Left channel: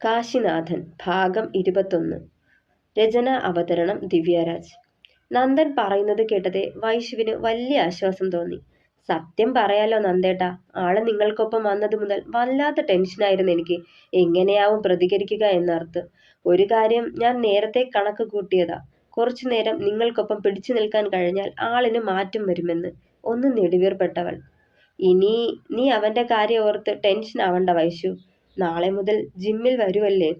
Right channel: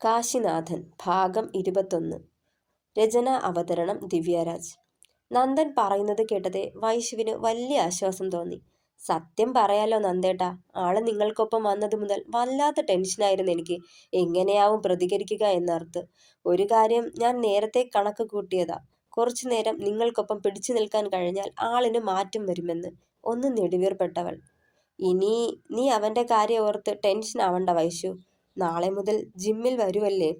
കാശിനാഥൻ ഭാഗം 21. രചന അവതരണം ദിവ്യരാജ്. നന്ദൻ പറയുന്നത് കേട്ടത് വൈശുവിന് വലിയ ആശ്വാസം തോന്നി. സത്യം പറയാലോ നന്ദേട്ടാ, ആള് നിങ്ങൾക്കൊപ്പം വന്നത് മുതൽ വല്ലാത്ത ടെൻഷനായിരുന്നു എനിക്ക്. എങ്ങനെയാവും പ്രതികരിക്കുക എന്നോർത്ത്. ഒരു കാര്യം ഞാൻ നേരത്തെ കണക്ക് കൂട്ടിയതാ. കുറച്ചു നേരം നിങ്ങൾക്കൊപ്പം പിടിച്ചു നിൽക്കാൻ കഴിഞ്ഞാൽ ആളിന് മാറ്റം വരുമെന്ന്. ഒന്ന് നെടുവീർപ്പെട്ടവൾ. ഇനി നീ അവന്റെ കാര്യം ഓർത്ത് ടെൻഷൻ ആവണ്ട വൈശു. നാളെ മുതൽ ജിമ്മിൽ വരുമല്ലേ?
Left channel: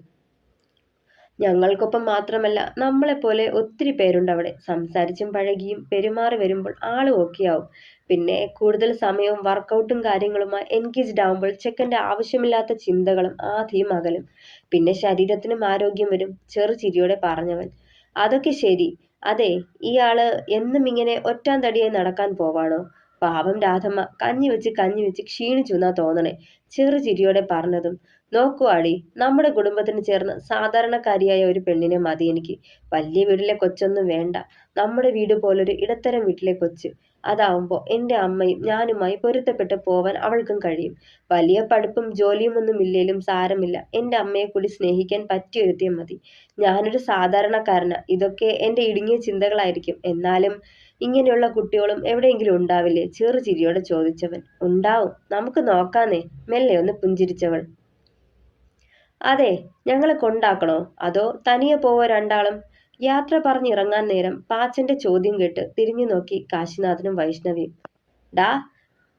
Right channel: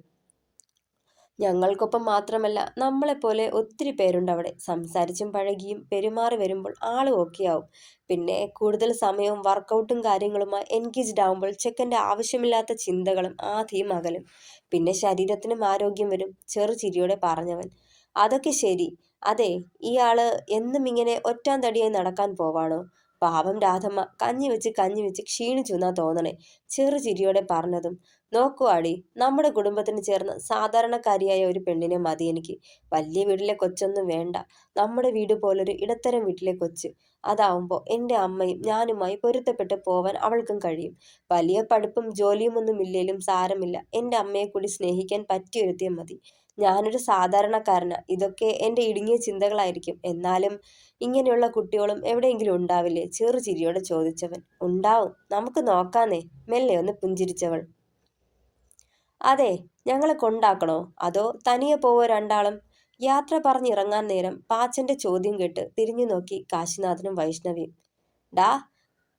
ഞങ്ങൾക്കൊപ്പം മാത്രമല്ല, നമ്മളെപ്പോലെ ഒത്തിരി പേരുണ്ട് അവിടെ. സംസാരിച്ചും പഴകിയും പെരുമാറി വരുമ്പോൾ ആള് ഓക്കെ ആവും. പിന്നെ കൂടുതൽ സമയവും വർക്കൗട്ടും കാര്യങ്ങളുമായി എൻഗേജ്ഡ് ആവുമ്പോൾ ചെക്കൻ്റെ ആവശ്യമില്ലാത്ത ചിന്തകളും ആധിയും അകലും. പിന്നെ ശരീരത്തിനും ആരോഗ്യം വരും. ചെറുചിരിയോടെ പറഞ്ഞവൻ. അതൊക്കെ ശരി. അതെ, ഇയാള് എന്നും ഇങ്ങനെ ഒറ്റാൻ തടിയായി നടക്കാൻ പോവാണോ? പാവം രാധമ്മ കഞ്ഞി വെച്ച് ക്ഷീണിച്ചു എന്നാ തോന്നണേ. ചെറുചിരിയോടെ പറഞ്ഞതും. നോക്കുവാടി, നമ്മുടെ കുടുംബത്തിന് ചേർന്ന് സാധാരണക്കാരിയായ ഒരു പെണ്ണിനെ മതി എനിക്ക്. വലിയ വീട്ടിലെ കൊച്ചൊന്നും വേണ്ട. നമ്മുടെ വീട് പോലൊരു ഇടത്തരം വീട്ടിലെ കൊച്ച്. അതാവുമ്പോൾ എൻ്റെ അമ്മയും ഞാനുമായി പൊരുത്തപ്പെട്ട് പോവാൻ അവൾക്കും കഴിയും. വലിയ പഠിപ്പും ജോലിയും ഒന്നും ഇല്ലേലും സാരമില്ല. എൻ്റെ അമ്മയെ കൂടി സ്നേഹിക്കാൻ പറ്റിയൊരുത്തിയും മതി. ഞാനൊരു സാധാരണക്കാരനാ. ഇതൊക്കെ എൻ്റെ ഇടുങ്ങിയ ചിന്തകളായിരിക്കും. എന്നാലും ഇങ്ങനെയുള്ള കുട്ടികളും എവിടെയെങ്കിലും ഉണ്ടാവില്ലേ? ചെറുചിരിയോടെ ചോദിച്ചവൻ. ഉണ്ടാവും, നമുക്ക് നോക്കാന്നേ. മെല്ലെ ഒന്ന് പുഞ്ചിരിച്ചവൾ. അതെ, ഞങ്ങളെ കൊണ്ടാക്കണോ അതോ തനിയെ പോവോ രണ്ടാളും? യാത്ര പറഞ്ഞിറങ്ങാൻ നേരം പാച്ചന്റെ ചോദ്യം കേട്ട് തിരിഞ്ഞു നോക്കി കാശിനാഥനും വൈഷ്ണവിയും. ഡാ,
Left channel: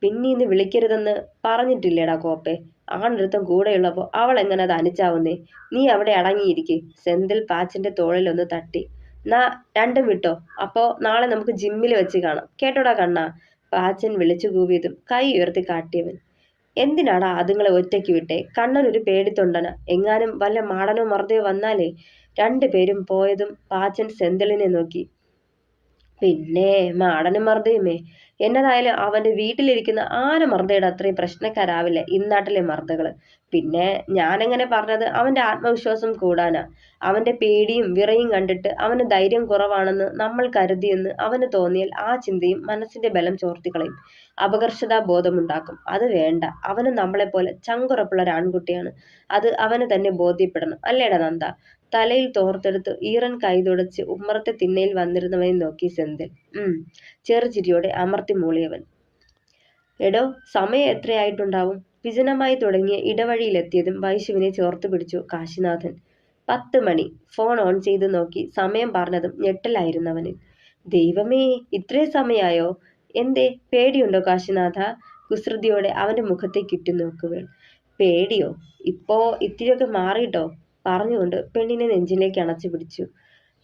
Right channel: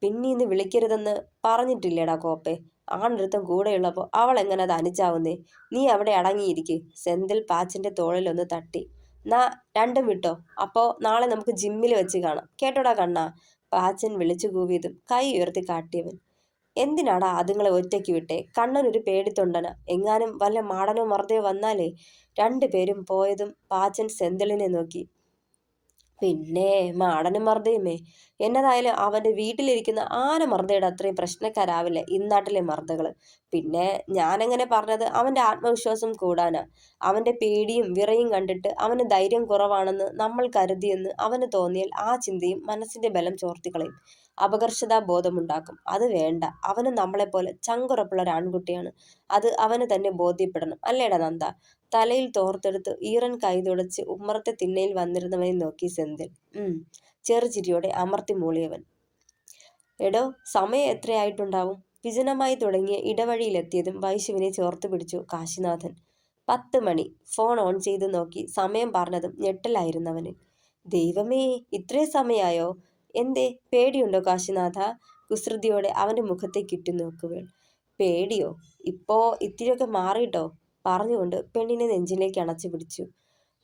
പിന്നീന്ന് വിളിക്കരുതെന്ന് പറഞ്ഞിട്ടില്ലേടാ കോപ്പെ? ആണൊരുത്തം കൂടെയുള്ളപ്പോൾ അവൾ എങ്ങനെ അത് അനുച്ചാവുന്നേ? നീ അവിടെ അടങ്ങിയിരിക്കെ. സെന്തിൽ പാച്ചന്റെ തോളിലൊന്ന് തട്ടി. നാ രണ്ടും വിട്ടോ. അപ്പോ നാളെ നമുക്ക് ജിമ്മിൽ വെച്ച് കാണാം, കേട്ടോടാ കണ്ണാ. പാച്ചൻ വിളിച്ചു കൂവിയതും കൈ ഉയർത്തി കാട്ടിയവൻ. എന്തിനാടാ അതുങ്ങളെ ഒറ്റയ്ക്ക് വിട്ടേ? കണ്ണനൊരു പേടിത്തൊണ്ടന. എങ്ങാനും വല്ല മാടനോ മർദ്ദയോ വന്നാലേ. രണ്ടുപേരും പോയതും പാച്ചൻ സെന്തിളിനെ നോക്കി. പിന്നെ മാടനും മർദ്ദയുമേ. എന്നതായാലും അവന്റെ വീട്ടിലിരിക്കുന്ന ആന മർദ്ദയുടെ അത്രയും പ്രശ്നക്കാരാവില്ല ഇന്നാട്ടിലെ മർദ്ദകള്. പിന്നെ ഞാനെങ്ങനെ പറഞ്ഞത് അവന്റെ ആത്മവിശ്വാസം കൂടാനാ. അവന്റെ പേടിയും വിറയും കണ്ടിട്ട് അവന് ധൈര്യം കുറവാണെന്ന് നമ്മൾ കരുതിയെന്ന് അവന് തോന്നിയാൽ ആ ചിന്തയും മനസ്സിന്റെ ബലം ചോർത്തിക്കളയും. അപകർഷതാ ബോധമുണ്ടാക്കും. അത് വേണ്ട. അവന് നമ്മളെപ്പോലെ ചങ്കുറപ്പുള്ള ഒരു ആൺകുട്ടിയാണ്. അത് അവന് തന്നെ ബോധ്യപ്പെടണം. അല്ലേടാ നന്ദ? തലയിൽ തോർത്തെടുത്ത് ഈറൻ കൈ തുടച്ച് ഉമ്മറത്തെ തിണ്ണയിൽ വന്നിരുന്നവനെ നോക്കി സെന്തിൽ. ചെറുചിരിയോടെ അമർത്തി മൂളിയവൻ. എടോ, സമയം എത്രയായിട്ടുണ്ടാവും? വിജനമായി തുടങ്ങിയ ഇടവഴിയിലെത്തിയതും വൈശുവിനെ ചേർത്ത് പിടിച്ചു കാശിനാഥൻ. 10 മണി. ഫോൺ ഓൺ ചെയ്ത് നോക്കി സമയം പറഞ്ഞതും ഞെട്ടലായിരുന്നവന്. ദൈവമേ, ഇത്രയും സമയായോ? എന്തേ, പേടിയുണ്ടോ കാശിനാഥ? കുസൃതിയോടെ അവന്റെ മുഖത്തേക്ക് ഇട്ടുനോക്കുകകൾ. പേടിയോ? ഇപ്പോ ഇത്തിരിയൊക്കെ മാറിയിട്ടോ? പറഞ്ഞുകൊണ്ട് പെണ്ണിനെ നെഞ്ചിലേക്ക് അണച്ചു പിടിച്ചു.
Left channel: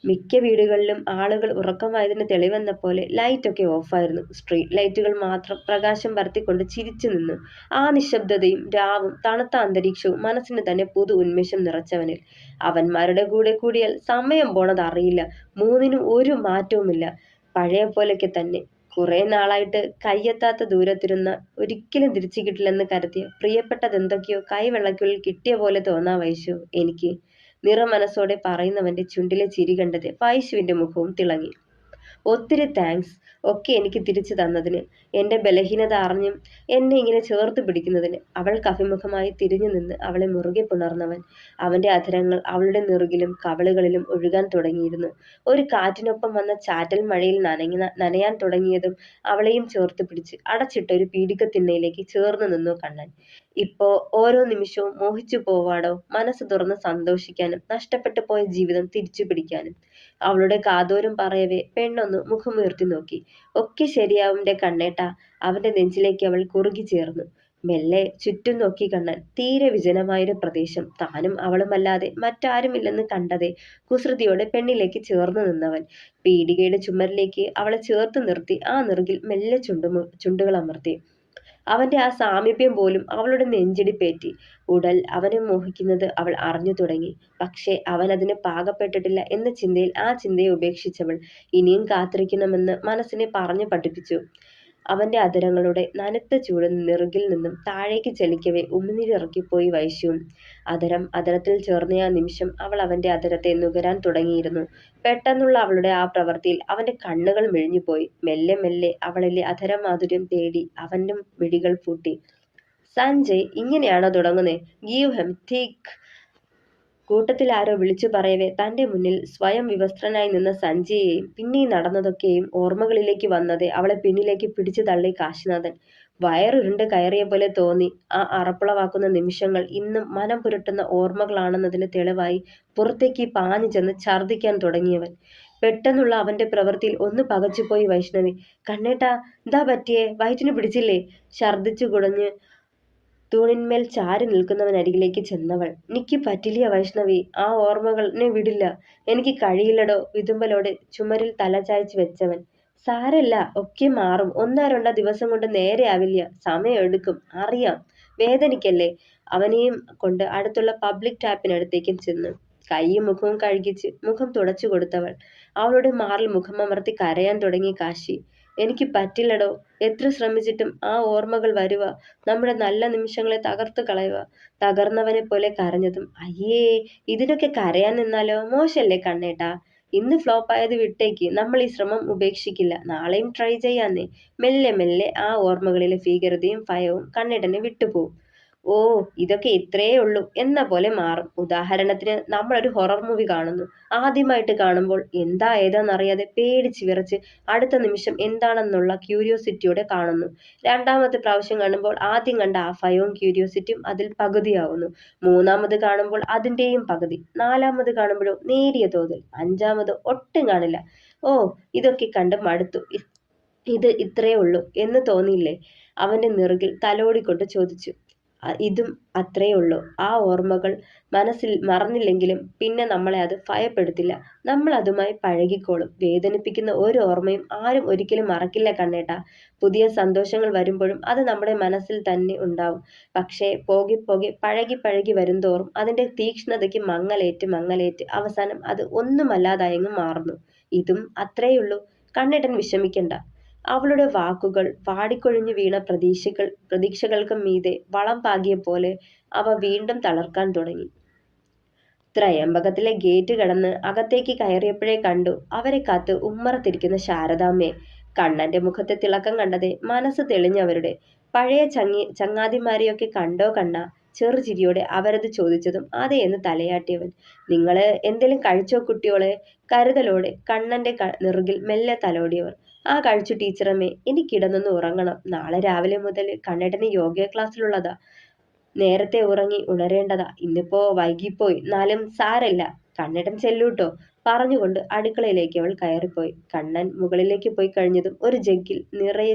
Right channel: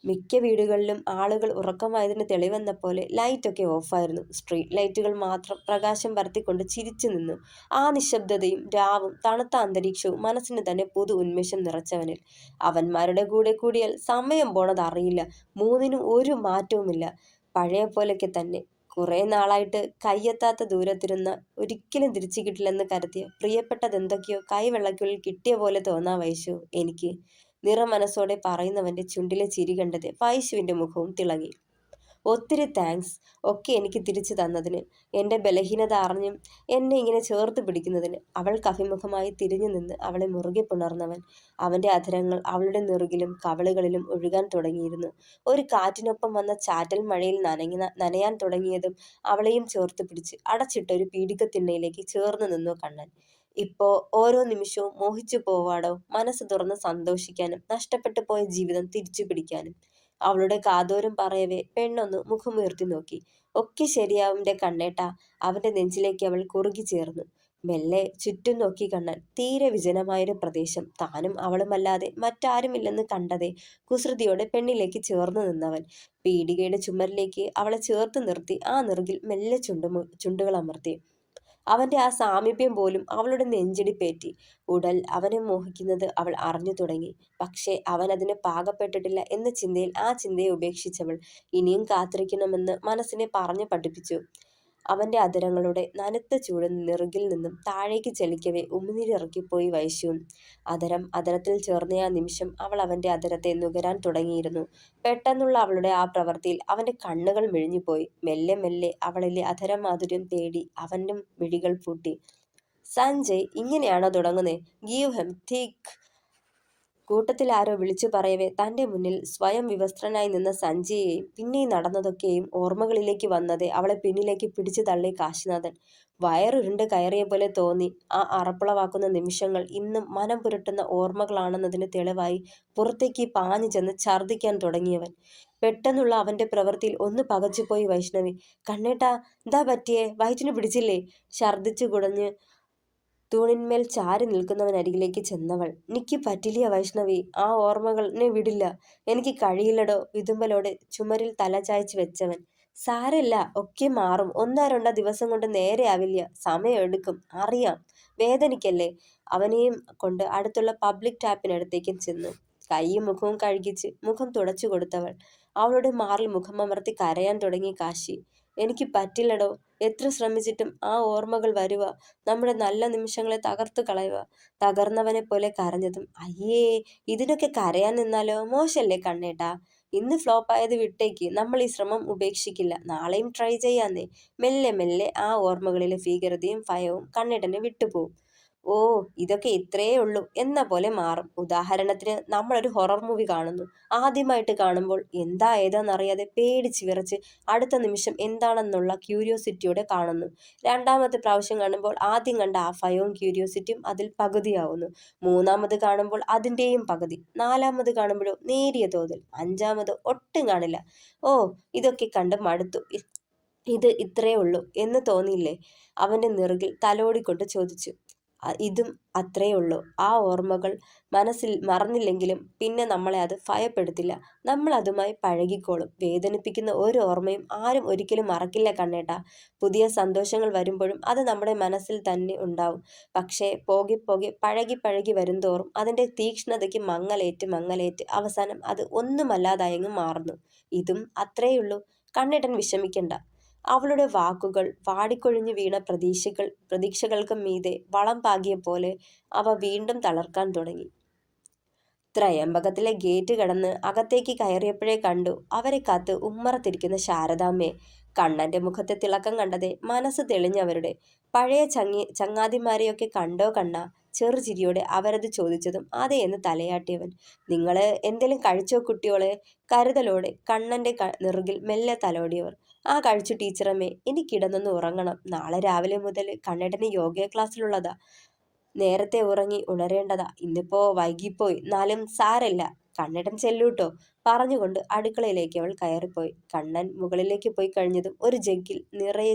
മിക്ക വീടുകളിലും ആളുകൾ ഉറക്കമായതിന് തെളിവെന്ന പോലെ ലൈറ്റൊക്കെ ഓഫായിരുന്നു. സ്ട്രീറ്റ് ലൈറ്റുകൾ മാത്രം പ്രകാശം പരത്തിക്കൊണ്ട് ചിരിച്ചു നിന്നു. ആ നിശബ്ദതയും രാവും തണുത്ത അന്തരീക്ഷവും മനസ്സിന് തന്നെ പുതു ഉന്മേഷം നിറച്ചവനിൽ. അവന്മാരുടെ കൂടെ കൂടിയാൽ സമയം പോണത് അറിയില്ല. മൂന്നിനും ഒരു മാറ്റവുമില്ല. പഴയ പോലെയൊക്കെ തന്നെ. കുറെ നാളായിട്ട് കയ്യെത്താത്ത ദൂരത്തിരുന്ന ഒരിക്കലും തിരിച്ചു കിട്ടില്ലെന്ന് കരുതിയ പ്രിയപ്പെട്ടതെന്തൊക്കെയോ കൈവെള്ളയ്ക്കുള്ളിൽ കിട്ടിയ പോലെ തോന്നാ വൈശു എനിക്ക്. നിറമനസ്സോടെ പറയുന്നവന്റെ ചുണ്ടിലെ ചിരി കണ്ടത് വൈശുവിന്റെ മുഖവും തിളങ്ങി. ഒത്തിരി താങ്ക്സ് ഒക്കെ എനിക്ക് തിരിച്ചു തന്നതിന്. എൻ്റെ ബലഹീനത അറിഞ്ഞും എന്നെ ഇങ്ങനെ ചേർത്ത് പിടിക്കുന്നതിന്. അവൾക്ക് അഭിമുഖമായി തിരിഞ്ഞു നിന്ന് അവളെ മുറുകെ പുണർന്നവൻ. അവൻ്റെ അധരങ്ങൾ അവളുടെ നെറുകിലും കവളുകളിലും ഒഴുകാൻ തുടങ്ങിയിരുന്നു. ഒരു കാറ്റിനൊപ്പം വന്ന ചാറ്റൽ മഴയിൽ നനയാൻ തുടങ്ങിയതും അവളെയും ചേർത്ത് പിടിച്ച് അടച്ചിട്ട ഒരു പീഡികത്തിണ്ണയിലേക്ക് ചേർന്ന് നിന്നു കണ്ണൻ. ഇപ്പോ ഓരോ നിമിഷവും മോഹിച്ചു പോവാടോ, മനസ്സ് തുറന്ന് സന്തോഷിക്കാനും നഷ്ടപ്പെട്ടു പോയ ജീവിതം തിരിച്ചു പിടിക്കാനും. അവളുടെ കാതോരം പറയവേ പെണ്ണൊന്ന് മുഖമുയർത്തി നോക്കി. ഒക്കെ ശരിയാവുന്റെ കണ്ണേട്ടാ. അവന്റെ നെഞ്ചിലേക്ക് അവൾ കുറുകി ചേർന്നു. മെല്ലെ ചുറ്റും നോക്കി കണ്ണൻ. തീരെ വിജനമായൊരു പ്രദേശം. താനും അവളുമല്ലാതെ മറ്റാരുമില്ലെന്ന് കണ്ടതേ കുസൃതിയോടെ പെണ്ണിലേക്ക് ചേർന്ന് നിന്നവൻ പീടികയുടെ ചുമരിലേക്ക് അവളെ ചേർത്ത് നിർത്തി ആ നെറുകിൽ മെല്ലെ ചുണ്ടുകൾ അമർത്തി. അവന്റെ ആ സാമീപ്യം പോലും അവളുടെ നെഞ്ചിടിപ്പേറ്റി. ഉടൽ അവനെ മോഹിക്കുന്നത് അവൾ അറിഞ്ഞു തുടങ്ങി. പക്ഷേ അവൻ അതിന് പാകപ്പെട്ടിട്ടില്ല എന്ന ചിന്തയിൽ ആ ചിന്തയെ ഉപേക്ഷിച്ചവൾ ഇനിയും കാത്തിരിക്കണമെന്ന് മനസ്സിനെ പറഞ്ഞു പഠിപ്പിച്ചു. അവന്റെ അധരങ്ങളുടെ നനുത്ത ചൂട് നെറുകിൽ നിന്നും താഴേക്ക് ചലിക്കവേ ഉമിനീരിറക്കിപ്പോയി വൈശുവും. അധരത്തിൽ ചേർന്ന ആ നിമിഷം അവൾ അവന്റെ അധരത്തെ നുകരാൻ തുടങ്ങിയിരുന്നു. പെട്ടെന്നുള്ള അവളുടെ ആ പ്രവൃത്തിയിൽ അവന്റെ കണ്ണുകൾ മിഴിഞ്ഞുപോയി. മെല്ലെ മെല്ലെ അവളിലെ അധരമാധുര്യം തേടി അവന്റെ മിഴികൾ പൂട്ടി. സഞ്ജയ്, ഇങ്ങനെയാണോ തുടങ്ങുന്നേ? ഗീവ് ഹെം തിക് കൂട്ടത്തിൽ ആരോ വിളിച്ചു പറയവേ തന്റെ മുന്നിൽ സ്വയം വിവസ്ത്രനായി നിന്ന സഞ്ജയെയും പിന്നെ നടന്നതൊക്കെയും ഓർമ്മകളിലേക്ക് വന്നതെ അവളെ പിന്നിലേക്ക് പിടിച്ചു തള്ളി കാശിനാഥൻ. വയറുരുണ്ട് കയറിയ പോലെ തോന്നി. ആ അറപ്പുളവാക്കുന്ന നിമിഷങ്ങൾ ഇന്നും മനം പുരട്ടുന്ന ഓർമ്മകളാണെന്നതിന് തെളിവായി പുറത്തേക്ക് പാഞ്ഞു ചെന്ന് ഛർദ്ദിക്കാൻ തുടങ്ങിയവൻ. പെട്ടെന്നുള്ള അവന്റെ പ്രവൃത്തിയിൽ ഒന്ന് പകച്ചുപോയി വൈഷ്ണവി. കണ്ണേട്ടാ, എന്താ പറ്റിയേ? വയറ്റിന് പിടിച്ചില്ലേ? ഛർദ്ദിച്ചു കുടഞ്ഞ് തൂണിന്മേൽ ചാരി നിൽക്കുന്നവനരികിലേക്ക് ചെന്നവൾ. എനിക്ക് പറ്റില്ല വൈഷ്ണവി, ആ ഓർമ്മകൾ എന്നെ വിടില്ല. എനിക്ക് കഴിയില്ലടോ. വിതുമ്പലോടെ ചുമരിൽ തല ചായ്ച്ചു വെച്ചവൻ. സാരല്ല, ഒക്കെ മാറും. ഒന്നോ രണ്ടോ ദിവസം കൊണ്ട് നേരെയാവില്ല. സമയം എടുക്കും, അറിയാം. വേദനിക്കല്ലേ. അവനെയും കൊണ്ട് അടുത്തുള്ള പബ്ലിക് ടാപ്പിനടുത്തേക്കും ചെന്നു കൈയും മുഖവും കഴുകിച്ച് മുഖം തുടച്ചു കൊടുത്തവൾ. അവളുടെ മാറിൽ മുഖമമർത്തി കരയാൻ തുടങ്ങി കാശി. എനിക്ക് പറ്റില്ലടോ. എത്ര ശ്രമിച്ചിട്ടും ആ ഓർമ്മകൾ വരുക, നമ്മുടെ നല്ല നിമിഷങ്ങളെ തകർത്തു കളയുക. തകർന്നവനെ പോലെ കരഞ്ഞതും. അയ്യേ, ഇതിനൊക്കെ കരയാൻ നിന്നാലോ? മോശല്ലേ കണ്ണേട്ടാ. ഇന്ന് ഫ്ലോപ്പായത് വിട്ടേക്ക്. നമ്മൾ ഈ ശ്രമം ഉപേക്ഷിക്കില്ല. നാളെയും ട്രൈ ചെയ്യാന്നേ. മെല്ലെ മെല്ലെ ആ ഓർമ്മകളിലെ ഭീകരതയും ഭയവും കണ്ണേട്ടനെ വിട്ടുപോകും. ഓ, ഇതൊക്കെ ഇത്രയേ ഉള്ളൂ എന്ന പോലെ മാറും. ഉദാഹരണത്തിന് നമ്മളൊരു ഹൊറർ മൂവി കാണുന്നു. ആദ്യമായിട്ട് കാണുമ്പോൾ എന്താ ഏതാന്നറിയാതെ പേടിച്ച് വിറച്ച് അടുത്ത നിമിഷം എന്താണെന്നുള്ള ക്യൂരിയോസിറ്റിയോടെ കാണുന്നു. രണ്ടാമത്തെ പ്രാവശ്യം കാണുമ്പോൾ ആദ്യം കണ്ട ആ ഭയവും ക്യൂരിയോസിറ്റിയും അതിൽ പകുതിയാവുന്നു. മൂന്നാമത് കാണുമ്പോൾ അതിൻ്റെയും പകുതി. നാലാമത് കാണുമ്പോഴോ നേരിയ തോതിൽ. അഞ്ചാമത് ഒട്ടും കാണില്ല. ഓ, ഇതൊക്കെ കണ്ട് മടുത്തു. ഇത് ഇത്രയേ ഉള്ളൂ എന്ന് തോന്നിയില്ലേ? അവന്റെ നെറുകിൽ തലോടിക്കൊണ്ട് ചോദിച്ചു. ഇതും അത്രയേ ഉള്ളൂ. ആ ഓർമ്മകൾ മനസ്സിൽ മറന്നില്ലെങ്കിലും പിന്നെ നമ്മളെ അത് ഭയപ്പെടുത്തില്ല. നമ്മൾ അതുമായി പഴകിക്കോളും. വേദനിപ്പിക്കുന്ന ഒരു ഓർമ്മയും ആരും ഒരിക്കലും മറക്കില്ല കണ്ണേട്ടാ. പുതിയ സന്തോഷങ്ങൾ വരുമ്പോഴും അത് നമ്മുടെ മനസ്സിൽ തന്നെ ഉണ്ടാവും. പക്ഷേ പോകെ പോകെ പഴകി പഴകി വരുംതോറും അതിന്റെ തീക്ഷ്ണതയ്ക്ക് മങ്ങലേറ്റ് അവസാനം അത് ഒന്നുമല്ലാതായങ്ങ് മാറുന്നു. ഇതും അത്രയുള്ളൂ. കണ്ണേട്ടൻ വിഷമിക്കണ്ട. അവളുടെ വാക്കുകൾ വാടിക്കൊഴിഞ്ഞു വീണ പ്രതീക്ഷകൾക്ക് മീതെ വളം പാകിയ പോലെ അവ വീണ്ടും തളർക്കാൻ തുടങ്ങി. ത്രയംബകത്തിലെ ഗേറ്റ് കടന്ന് അകത്തേക്ക് കയറിയപ്പോഴേ കണ്ടു അവരെ കാത്ത് ഉമ്മറത്തിരിക്കുന്ന ശാരദാമ്മയെ. കണ്ണന്റെ മുഖത്തെ തിളക്കം കണ്ടതേ മനസ്സ് തെളിഞ്ഞവരുടെ. പഴയ ചങ്ങാതിമാരെയൊക്കെ കണ്ടോ കണ്ണ? ചെറുചിരിയോടെ അവരത് ചോദിച്ചതും അതേ എന്ന് തലയാട്ടിയവൻ. നിങ്ങള് എന്തേലും കഴിച്ചോ കുട്ടിയോളെ? കരുതലോടെ കണ്ണന്റെ നെറുകിൽ മെല്ലെ തലോടിയവർ. ആ കഴിച്ചു ടീച്ചറമ്മേ. എനിക്കിടന്നൊന്ന് ഉറങ്ങണം. നാളെ രാവിലെ മുതൽ കണ്ണേട്ടന് യോഗ ക്ലാസ്സിലുള്ളതാ. നേരത്തെ ഉറങ്ങി ഉണരേണ്ടതാ. ഇന്നിപ്പോ വൈകിപ്പോയി. എന്നാലും സാരല്ല. കണ്ണേട്ടൻ ചെല്ലൂട്ടോ. പറഞ്ഞുകൊണ്ട് അടുക്കളയിലേക്ക് അവൾ കയറിപ്പോയി. കണ്ണൻ മുകളിലേക്ക് പോയി കഴിഞ്ഞതും ഒരു ജഗ്ഗിൽ നിറയെ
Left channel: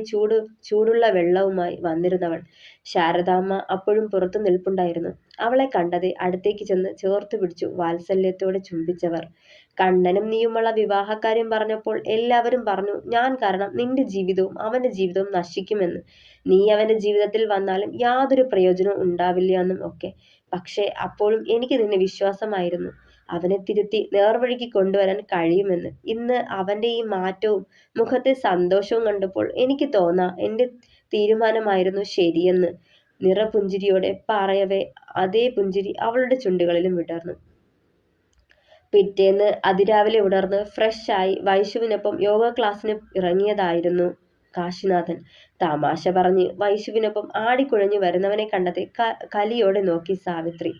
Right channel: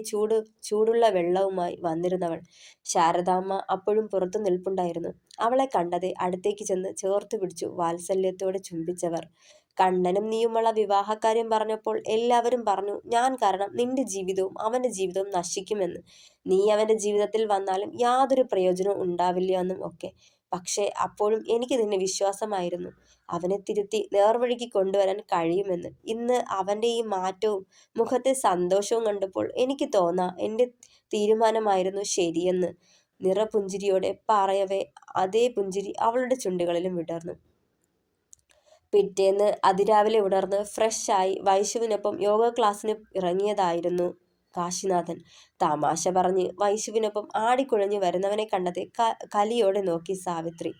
ചൂടുള്ള വെള്ളവുമായി വന്നിരുന്നവൾ. ശാരദാമ്മ അപ്പോഴും പുറത്തു നിൽപ്പുണ്ടായിരുന്നു. അവളെ കണ്ടതെ അടുത്തേക്ക് ചെന്ന് ചേർത്തു പിടിച്ചു വാത്സല്യത്തോടെ ചുംബിച്ചവർ. കണ്ണനും നീയുമുള്ള വിവാഹക്കാര്യം പറഞ്ഞപ്പോൾ എല്ലാവരും പറഞ്ഞു ഞാൻ കാരണം നിന്റെ ജീവിതവും അവന്റെ ജീവിതവും നശിക്കുമെന്ന്. നീ അവന്റെ ജീവിതത്തിൽ വന്നാലും യാതൊരു പ്രയോജനവും ഉണ്ടാവില്ല എന്നും ഒക്കെ. പക്ഷേ അപ്പോഴും എനിക്ക് നിന്നെ വിശ്വാസമായിരുന്നു. അവനെ തിരുത്തി നേർവഴിക്ക് കൊണ്ടുവരാൻ കഴിയുമെന്ന്. ഇന്ന് അവന്റെ ഈ മാറ്റവും മുഖത്തെ സന്തോഷവും കണ്ടപ്പോൾ എനിക്ക് തോന്നാ എന്റെ തീരുമാനമായിരുന്നു ശരിയെന്ന്. നിറപുഞ്ചിരിയോടെ പറയവേ അതേ പുഞ്ചിരി അവളുടെ ചുണ്ടുകളിലും വിടർന്നു. പിറ്റേന്ന് അതിരാവിലെ ഉണർന്ന് ഫ്രഷായി വൈശുവിനൊപ്പം യോഗ ക്ലാസ്സിന് ഇറങ്ങിയതായിരുന്നു കാശിനാഥൻ. തമാശ പറഞ്ഞ് വൈശുവിനൊപ്പം ആടിക്കുഴഞ്ഞു വരുന്നവനെ കണ്ടത് കലിയോടെ നോക്കി സാവിത്രി.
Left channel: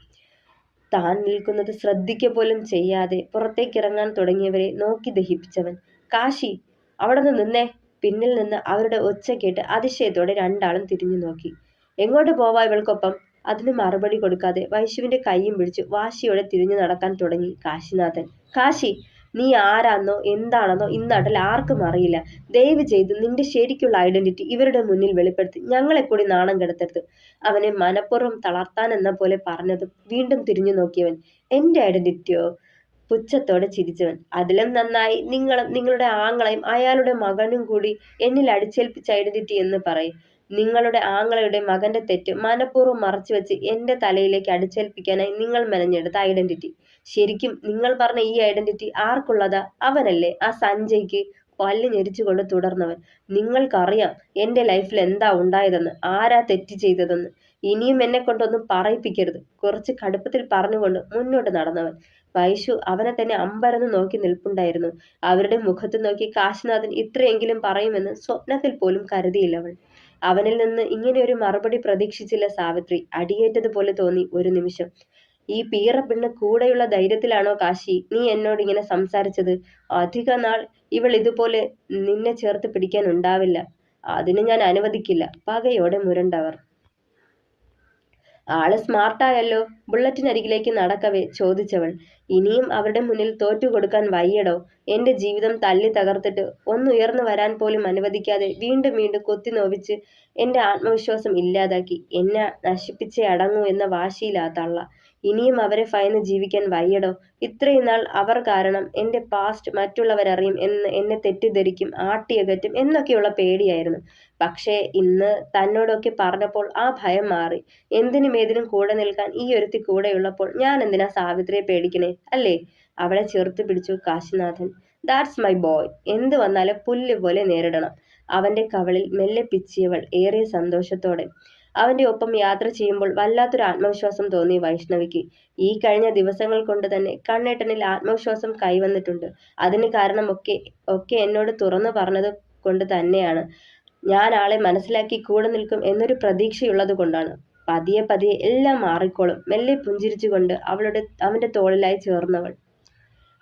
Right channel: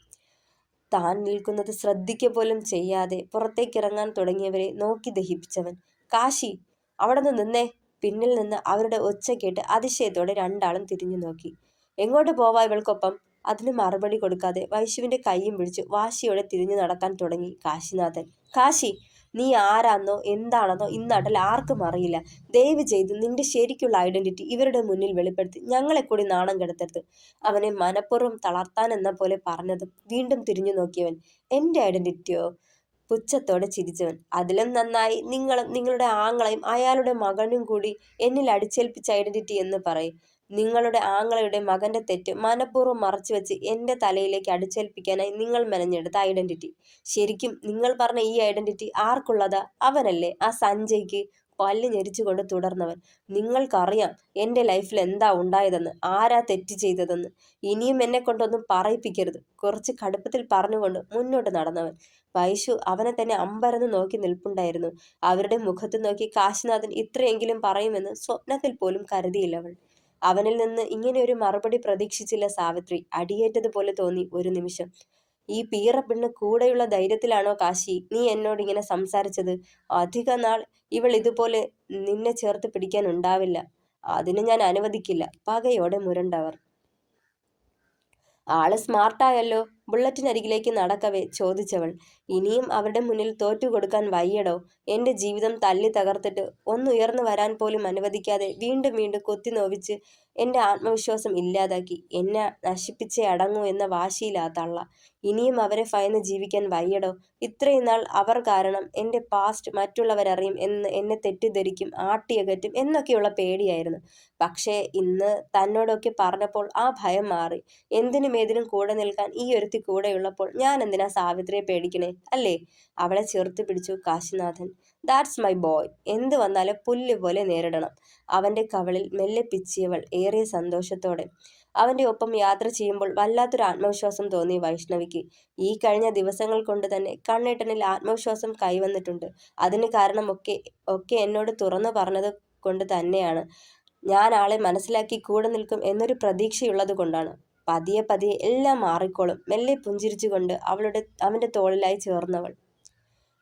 താൻ നിൽക്കുന്നത് ശ്രദ്ധിക്കുക പോലും ചെയ്യാതെ പുറത്തേക്കിറങ്ങാൻ തുടങ്ങിയവരെ നോക്കി ദഹിപ്പിച്ചവൻ. കാശി, അവിടെ നിന്നേ. പിന്നിൽ നിന്ന് അവരുടെ ഒച്ച കേട്ട് അതിശയത്തോടെ രണ്ടാളും തിരിഞ്ഞു നോക്കി. എങ്ങോട്ട് പോവാ ഇവൾക്കൊപ്പം? അതിന് മറുപടി കൊടുക്കാതെ വൈശുവിന്റെ കൈയും പിടിച്ച് വാശിയോടെ തിരിഞ്ഞു നടക്കാൻ തുടങ്ങി കാശിനാഥൻ. കാശി, നീ ആരാന്നോ എന്താണെന്നോ ഇന്നാട്ടിൽ ആർക്കും അറിയില്ല. ദയവ് ചെയ്ത് നിന്റെ ശരിക്കുള്ള ഐഡന്റിറ്റി ഇവരുടെ മുന്നിൽ വെളിപ്പെടുത്തി ഞങ്ങളെ കൂടി നാണം കെടുത്തരുത്. അവനെ മനഃപൂർവ്വം തളർത്താനെന്ന പോലെ പറഞ്ഞതും വീണ്ടും തിരിഞ്ഞു നോക്കിയവൻ. എന്റെ ഐഡന്റിറ്റിയോ? പുച്ഛത്തോടെ ചിരിച്ചവൻ. അതിലും നന്നായി നിങ്ങളും നിങ്ങളുടെ ആങ്ങളയും അയാളുടെ മകനും കൂടി എന്നിൽ അടിച്ചേൽപ്പിച്ച ഐഡന്റിറ്റി എന്ന് പറയും. നിങ്ങളുടെ ആങ്ങളയുടെ മകന്റെ തെറ്റ് മനഃപൂർവ്വം മറച്ചുവെച്ച് എന്റെ തലയിലേക്ക് അടിച്ചേൽപ്പിക്കാനായി നിങ്ങൾ മെനഞ്ഞെടുത്ത ഐഡന്റിറ്റി. ശരിക്കും നിങ്ങൾ പറഞ്ഞ ഈ ഐഡന്റിറ്റി ആർക്കുള്ളതാ? അവനല്ലേ, ആ സഞ്ജയ്ക്ക്. പല്ല് ഞെരിച്ചുകൊണ്ട് തുടർന്നവൻ. നിങ്ങൾക്കറിയാം എന്റെ ലൈഫിൽ എന്താ ഉണ്ടായതെന്ന്, ആരാ തെറ്റ് ചെയ്തതെന്ന്. ഇനിയും എന്നെ കൊണ്ടൊന്നും പറയിപ്പിക്കരുത്. കുറച്ച് കടുപ്പത്തിൽ പറഞ്ഞുകൊണ്ട് മുന്നോട്ട് നടന്നവൻ. വൈശു അവനെ തന്നെ അമ്പരന്ന് നോക്കി നിൽപ്പുണ്ടായിരുന്നു. അവരുടെ മുഖത്ത് നോക്കി കാശിനാഥൻ ഇത്രയെങ്കിലും പറയുമെന്ന് സ്വപ്നത്തിൽ പോലും കരുതിയില്ലവൾ. അവനിൽ നിന്ന് ഇങ്ങനെ ഒരു മറുപടി പ്രതീക്ഷിച്ചില്ല സാവിത്രി. അടിയേറ്റതുപോലെ തോന്നി ഒരു നിമിഷം. ഈ പീറ പെണ്ണ് കൂടെയുള്ള ധൈര്യത്തിലാണോ കാശി നീ എന്നോട് ഇങ്ങനെ സംസാരിച്ചത്? അധിക നാൾ ഇവൾ ഇതുപോലെ നിന്നെ ചേർത്ത് പിടിക്കാൻ ഉണ്ടാവില്ല. അതിന് ഞാൻ അനുവദിക്കില്ല, പകയോടെ മുരണ്ടവർ. ആള് സ്മാർട്ടായല്ലോ, ബുള്ളറ്റിനരികിലേക്ക് നടക്കവേ ചോദിച്ചവൾ. ഇനിയും അവരുടെ മുന്നിൽ തോറ്റുകൊടുക്കാൻ വയ്യടോ. എന്റെ ജീവിതം തല്ലി തകർത്തിട്ട് ഒന്നുയർന്നു വരാൻ പോലും അനുവദിക്കാതെ വീണ്ടും വീണ്ടും കൊത്തി നോവിച്ച് എന്റെ ആത്മവിശ്വാസം ഇല്ലാതാക്കി എന്നെ നശിപ്പിച്ചേ അടങ്ങൂ എന്ന വാശിയിലാ തള്ള. ഇനിയും അവരെ ഭയന്ന് ജീവിക്കാൻ വയ്യടോ. ഇത്രയും നാൾ അവർ കാരണം എന്റെ പാസ്റ്റ് മറ്റുള്ളവരറിയും എന്ന് എന്നെ തെറ്റിദ്ധരിക്കും, ആട്ടിയകറ്റും എന്നൊക്കെയുള്ള പേടിയായിരുന്നു. പക്ഷേ ഇന്ന് തന്നോടൊക്കെ പറഞ്ഞപ്പോൾ ആ ഭയം മാറി. എന്തിനും ഏതിനും കൂടെ നിൽക്കാൻ ഈ ഒരുത്തി കൂടെയുള്ളപ്പോൾ ഞാൻ എന്തിനാ സാവിത്രിയെ പേടിക്കണേ, അല്ലേ? അവളെ ചേർത്ത് പിടിച്ചു കാശിനാഥൻ. That's my boy. എന്ത് വന്നാലും പുല്ല് പോലെ നേരിടണം. അവന്റെ കവളിൽ മെല്ലെ പിച്ചിയവൾ ഏറെ സന്തോഷത്തോടെ. അവന്റെ ഒപ്പം യാത്ര ചെയ്യുമ്പോൾ വല്ലാത്തൊരു ആത്മവിശ്വാസം തോന്നി വൈഷ്ണവിക്ക്. ഈ കഴിഞ്ഞ ദിവസങ്ങൾ കൊണ്ട് തന്നെ കണ്ണേട്ടനിൽ ആത്മവിശ്വാസം കൈവന്നിട്ടുണ്ട്. അതിന് കാരണം ഒക്കെ എന്നോട് തുറന്നു പറഞ്ഞത് കൊണ്ട് തന്നെയാണ്. ഞാൻ ആളെ മനസ്സിലാക്കി കൂടെ നിൽക്കും എന്നൊരു പ്രതീക്ഷയുള്ളത് കൊണ്ടാണ്. പതിയെ പതിയെ എല്ലാം മാറിക്കോളും. മെല്ലെ പുഞ്ചിരിച്ചുകൊണ്ട് അവന്റെ തോളിലായി ചേർന്നവൾ.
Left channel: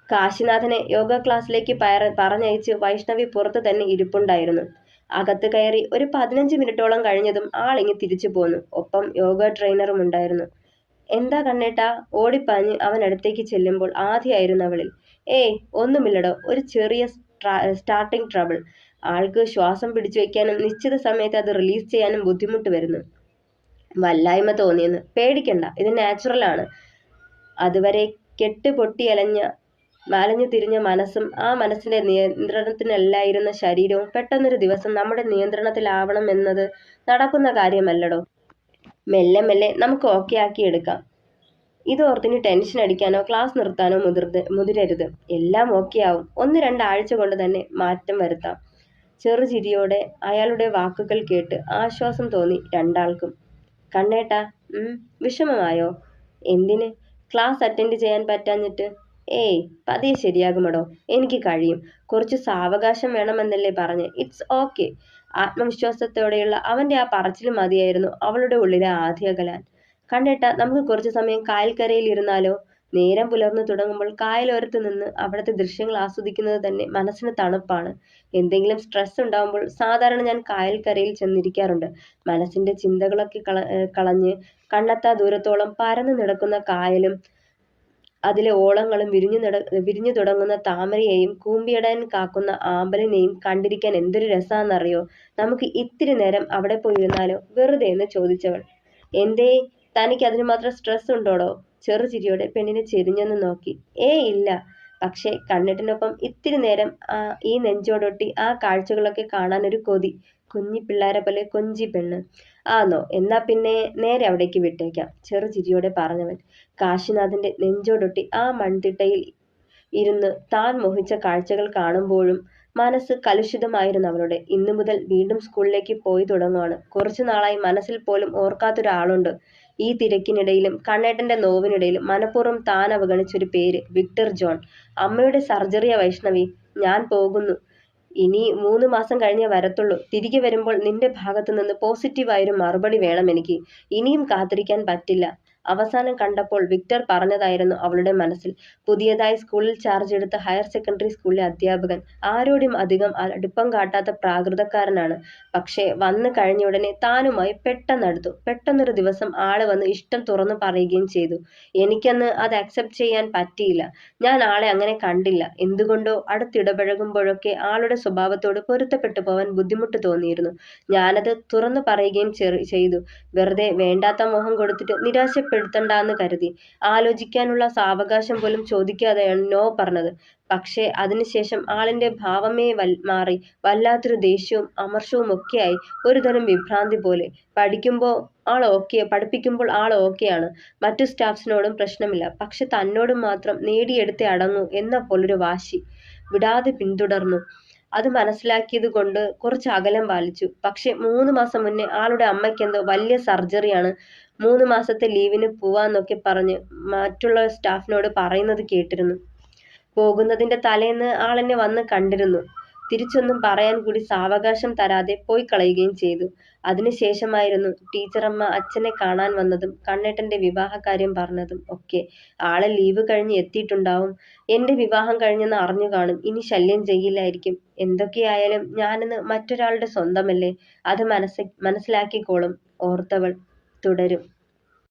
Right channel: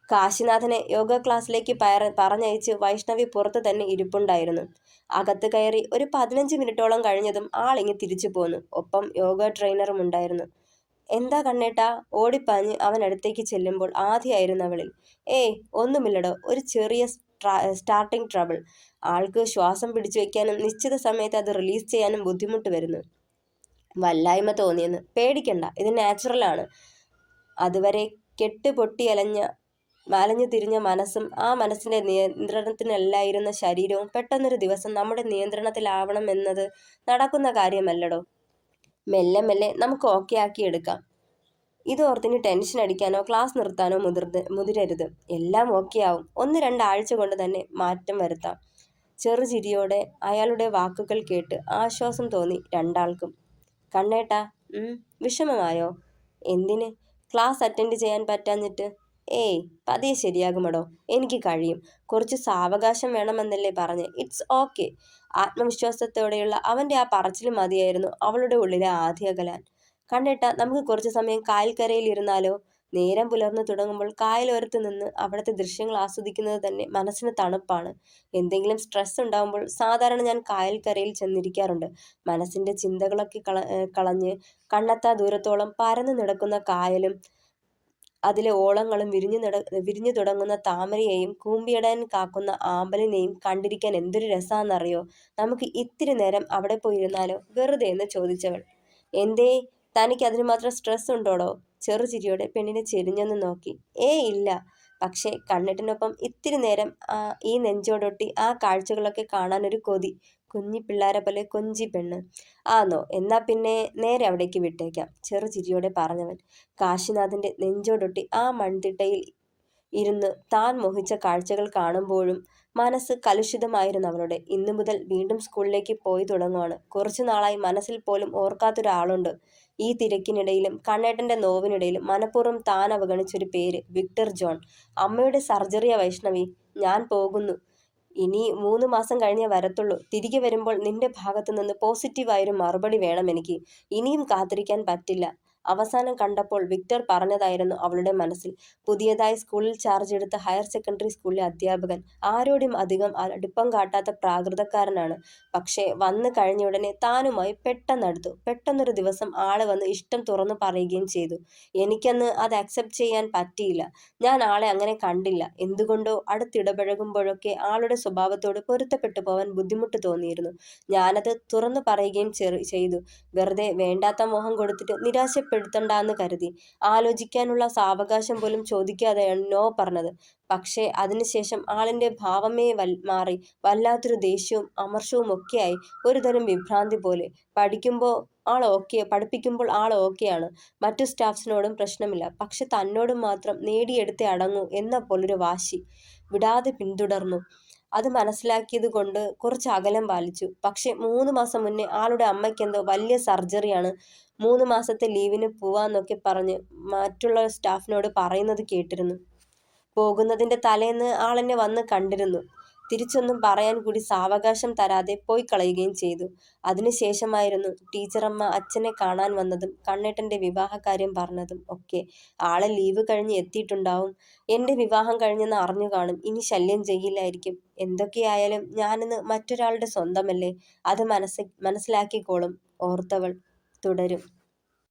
കാശിനാഥനെ യോഗ ക്ലാസ്സിലേക്ക് പറഞ്ഞയച്ച് വൈഷ്ണവി പുറത്ത് തന്നെ ഇരിപ്പുണ്ടായിരുന്നു. അകത്ത് കയറി ഒരു 15 മിനിറ്റോളം കഴിഞ്ഞതും ആളിങ്ങി തിരിച്ചു പോന്നു. ഒപ്പം യോഗ ട്രെയിനറും ഉണ്ടായിരുന്നു. എന്താ കണ്ണേട്ടാ? ഓടിപ്പാഞ്ഞ് അവൻ അടുത്തേക്ക് ചെല്ലുമ്പോൾ ആദ്യമായിരുന്നു അവളിൽ. ഏയ് ഒന്നുമില്ലടോ, ഒരു ചെറിയ സ്റ്റാർട്ടിംഗ് ട്രബിൾ. ആൾക്ക് ശ്വാസം പിടിച്ചു വെക്കാനും നിശ്ചിത സമയത്ത് അത് റിലീസ് ചെയ്യാനും ബുദ്ധിമുട്ട് വരുന്നു. വല്ലായ്മ തോന്നിയെന്ന്. പേടിക്കണ്ട, ഇത് നാച്ചുറലാണ്. അതുവരെ കെട്ടുപൊട്ടി അലഞ്ഞു തിരിഞ്ഞ മനസ്സും ആ മനസ്സിന്റെ നിയന്ത്രണത്തിനല്ലായിരുന്ന ശരീരവും പെട്ടെന്നൊരു ദിവസം നമ്മുടെ നിയന്ത്രണത്തിലാവണം എന്നത് നടക്കുന്ന കാര്യമല്ലടോ. മെല്ലെ മെല്ലെ നമുക്ക് ഓക്കെ ആക്കി എടുക്കാം. ഇതോർത്തിന് ടെൻഷൻ അടിക്കാനോ ക്ലാസ് നിർത്താനോ മുതിരരുത്. എല്ലാം ഓക്കെ ആവും. 1-2 ആഴ്ച കൊണ്ട് തന്നെ മാറ്റം വരുത്താം. ചെറുചിരിയോടെ അയാളുടെ വാക്കുകൾ കേട്ട് ആശ്വാസം തോന്നി രണ്ടാൾക്കും. കണ്ണേട്ടാ, വിഷമമായോ? എന്തിന്? ക്ലാസ് അറ്റൻഡ് ചെയ്യാൻ പറ്റാഞ്ഞിട്ട്? ഏയ്, പതിയെ ശരിയാകുമടോ. എനിക്ക് കഴിയും. കുറച്ച് സാവകാശം വേണമെന്നല്ലേ പറഞ്ഞ്. It's okay. ആത്മവിശ്വാസത്തോടെയുള്ള അവന്റെ ആ പറച്ചിൽ മതിയായിരുന്നു അവളുടെ ഉള്ളിലെ ആദ്യ അകലാൻ. കണ്ണേട്ടാ, നമുക്ക് കുറച്ചു സമയം കായൽക്കരയിൽ ഇരുന്നാലോ? നേരം പുലർന്നു തുടങ്ങുമ്പോൾ കായലോരത്ത് നിന്ന് അവിടുത്തെ ദൃശ്യങ്ങൾ ആസ്വദിക്കുന്നത് തന്നെ മനസ്സിന് തണുപ്പാണ്. എന്തെങ്കിലും സ്ട്രെസ് ഉണ്ടാകുമ്പോൾ സാധാരണ ഞാൻ കായൽക്കരയിൽ ചെന്നിരിക്കാറുണ്ട്. മനസ്സിന്റെ ചിന്തകളൊക്കെ കളഞ്ഞ് കണ്ണെത്താ ദൂരത്തോളം പരന്നു കിടക്കുന്ന കായലും അതിലെ ഓളങ്ങളും വിരിഞ്ഞു തുടങ്ങുന്ന താമരയെയും കൂമ്പിയിടാൻ കാക്കുന്ന ആമ്പലിനെയും കണ്ടിരിക്കാൻ എന്തൊരു രസാന്നറിയോ? നമുക്ക് ഇത്തിരി നേരം അവിടെ പോയിരുന്നാലോ? വെറുതെ എന്ന് ചോദിച്ചവൾ. എന്തേ, തനിക്ക് അതിന് മാത്രം സ്ട്രെസ് ഉണ്ടോടോ? ചെറുചിരിയോടെ പെണ്ണിനെ ചെരിഞ്ഞൊന്ന് നോക്കി. ഇല്ല, പക്ഷേ കണ്ണിട്ടിനൊപ്പം ഇത്തിരി നേരം ഈ നെഞ്ചോടൊട്ടി ആ കാഴ്ചകളൊക്കെ കാണാനൊരു കൊതി. കുഞ്ഞിപ്പിള്ളാരെ പോലെ കൊഞ്ചി പെണ്ണ്. ആന്നോ? എന്നാ പിന്നെ നേരെ അവിടേക്ക് വിട്ടേക്കാം, ചെറുചിരിയോടെ പറഞ്ഞവൻ. കാശിനാഥന്റെ നെഞ്ചോടൊട്ടി ആ മൺതിട്ടയിൽ ഇരുന്ന് താൻ മോഹിച്ച കാഴ്ചകൾ കാണുമ്പോഴും മനസ്സ് കലുഷിതമായിരുന്നു അവളുടെ. ഇന്നു മുതൽ വീണ്ടും സ്കൂളിലേക്ക് പോയി തുടങ്ങുവാണ്. കുറച്ചു നാളായി മനസ്സിൽ പോലും ഓർക്കാത്തൊരാളുണ്ട്. ഈ തിരക്കിനിടയിലും കണ്ണേട്ടന്റെ നോവിനിടയിലും മനഃപൂർവ്വം താൻ അവഗണിച്ചൊരു പേര്, വിക്ടർ ജോൺ. അമ്മയുടെ സർജറിയാ വൈഷ്ണവി. ഞാൻ പോകുന്നു. ഇനി 3 മാസം കഴിഞ്ഞേ വരത്തുള്ളൂ. തിരികെ വരുമ്പോൾ നിന്റെ ഭാഗത്തു നിന്ന് പോസിറ്റീവായൊരു മറുപടി വേണം എനിക്ക്. ഇനിയും കാത്തിരിക്കാൻ പറ്റില്ല. അവസാനം കണ്ടപ്പോൾ വിക്ടർ പറഞ്ഞതായിരുന്നു അവളുടെ മനസ്സിൽ. പുതിയതായി സ്കൂളിൽ ചാർജ് എടുത്ത ഹയർ സെക്കൻഡറി സ്കൂളിലെ അധ്യാപകൻ. ആരോടും അധികം അടുപ്പം കാട്ടാത്ത പ്രാകൃതക്കാരനാണ്. പക്ഷേ വന്നു കഴിഞ്ഞ ഉടനെ താനുമായി പെട്ടെന്നടുത്തു. പെട്ടെന്നൊരു ദിവസം ആള് വന്ന് ഇഷ്ടം തുറന്നു പറയുകയും ചെയ്തു. എനിക്കന്ന് അത് അക്സെപ്റ്റ് ചെയ്യാൻ പറ്റിയില്ല. ഞാൻ ആളെ അങ്ങനെ കണ്ടില്ല. എന്തുകൊണ്ടോ അടുത്തിടപഴകുമ്പോഴൊക്കെ ആളുടെ സ്വഭാവത്തോട് പൊരുത്തപ്പെട്ടു പോവാൻ ബുദ്ധിമുട്ട് തോന്നിയിരുന്നു. ഞാനത് തുറന്നു പറയുകയും ചെയ്തു. വെറുതെ വേണ്ടാത്ത മോഹം കൊടുത്തിട്ട് നിരാശപ്പെടുത്തണ്ടാന്ന് കരുതി. ആലോചിക്കാനുള്ള സാവകാശം പോലും ചോദിക്കാതെയാണ് നോ പറഞ്ഞത്. പക്ഷേ അതിനുശേഷം ആളിന്റെ ഭാവമേ മാറി. വല്ലാത്തൊരു ദേഷ്യവും അമർഷവും ഒക്കെയായി. ഒരുതരം വിഭ്രാന്തി പോലെ. പഠിപ്പിക്കുമ്പോൾ ആൾ ഓക്കെയാണ്. മറ്റു സ്റ്റാഫ്സിനോടും പ്രശ്നമില്ല. പക്ഷെ തന്നോടും മാത്രം നേടിയെടുത്തേ അടങ്ങൂ എന്ന പോലൊരു വാശി. വിടാതെ പിന്തുടർന്നു. അത് മനസ്സിലാക്കിയത് കൊണ്ട് കുറച്ച് അകലം പാലിച്ചു. പക്ഷെ 3 മാസം മുന്നേ ആളുടെ അമ്മയ്ക്കെന്തോ വലിയ സർജറിയാണ്, 3 മാസത്തെ ലീവിന് പോവാന്നൊക്കെ പറഞ്ഞ് മറ്റുള്ള സ്റ്റാഫിനോട് പറയുന്നത് കേട്ടിരുന്നു. പോകുന്നതിന്റെ തലേന്ന് ആളെന്നെ വന്ന് കണ്ടിരുന്നു. തിരിച്ചൊന്നും പറയാൻ കൂടി സാവകാശം തരാതെ പോയി കളയുകയും ചെയ്തു. അതിനുശേഷമായിരുന്നു ടീച്ചറമ്മ അച്ഛനെ കാണാൻ വന്നതും കണ്ണേട്ടന്റെ വിവാഹകാര്യം പറഞ്ഞതും ഒക്കെ. ആളെ ലീവ് കഴിഞ്ഞ് എത്തിയിട്ടുണ്ടാവും. എന്റെ വിവാഹം കഴിഞ്ഞെന്ന് അറിഞ്ഞു കാണും. ഇനി ശല്യം ചെയ്യില്ലായിരിക്കും. എന്തൊക്കെയായാലും ഞാനിന്ന് മറ്റൊരാളുടെ സ്വന്തമല്ലേ, അത് മനസ്സിലാക്കിക്കോളും ഓർത്തവൾ തുടരും.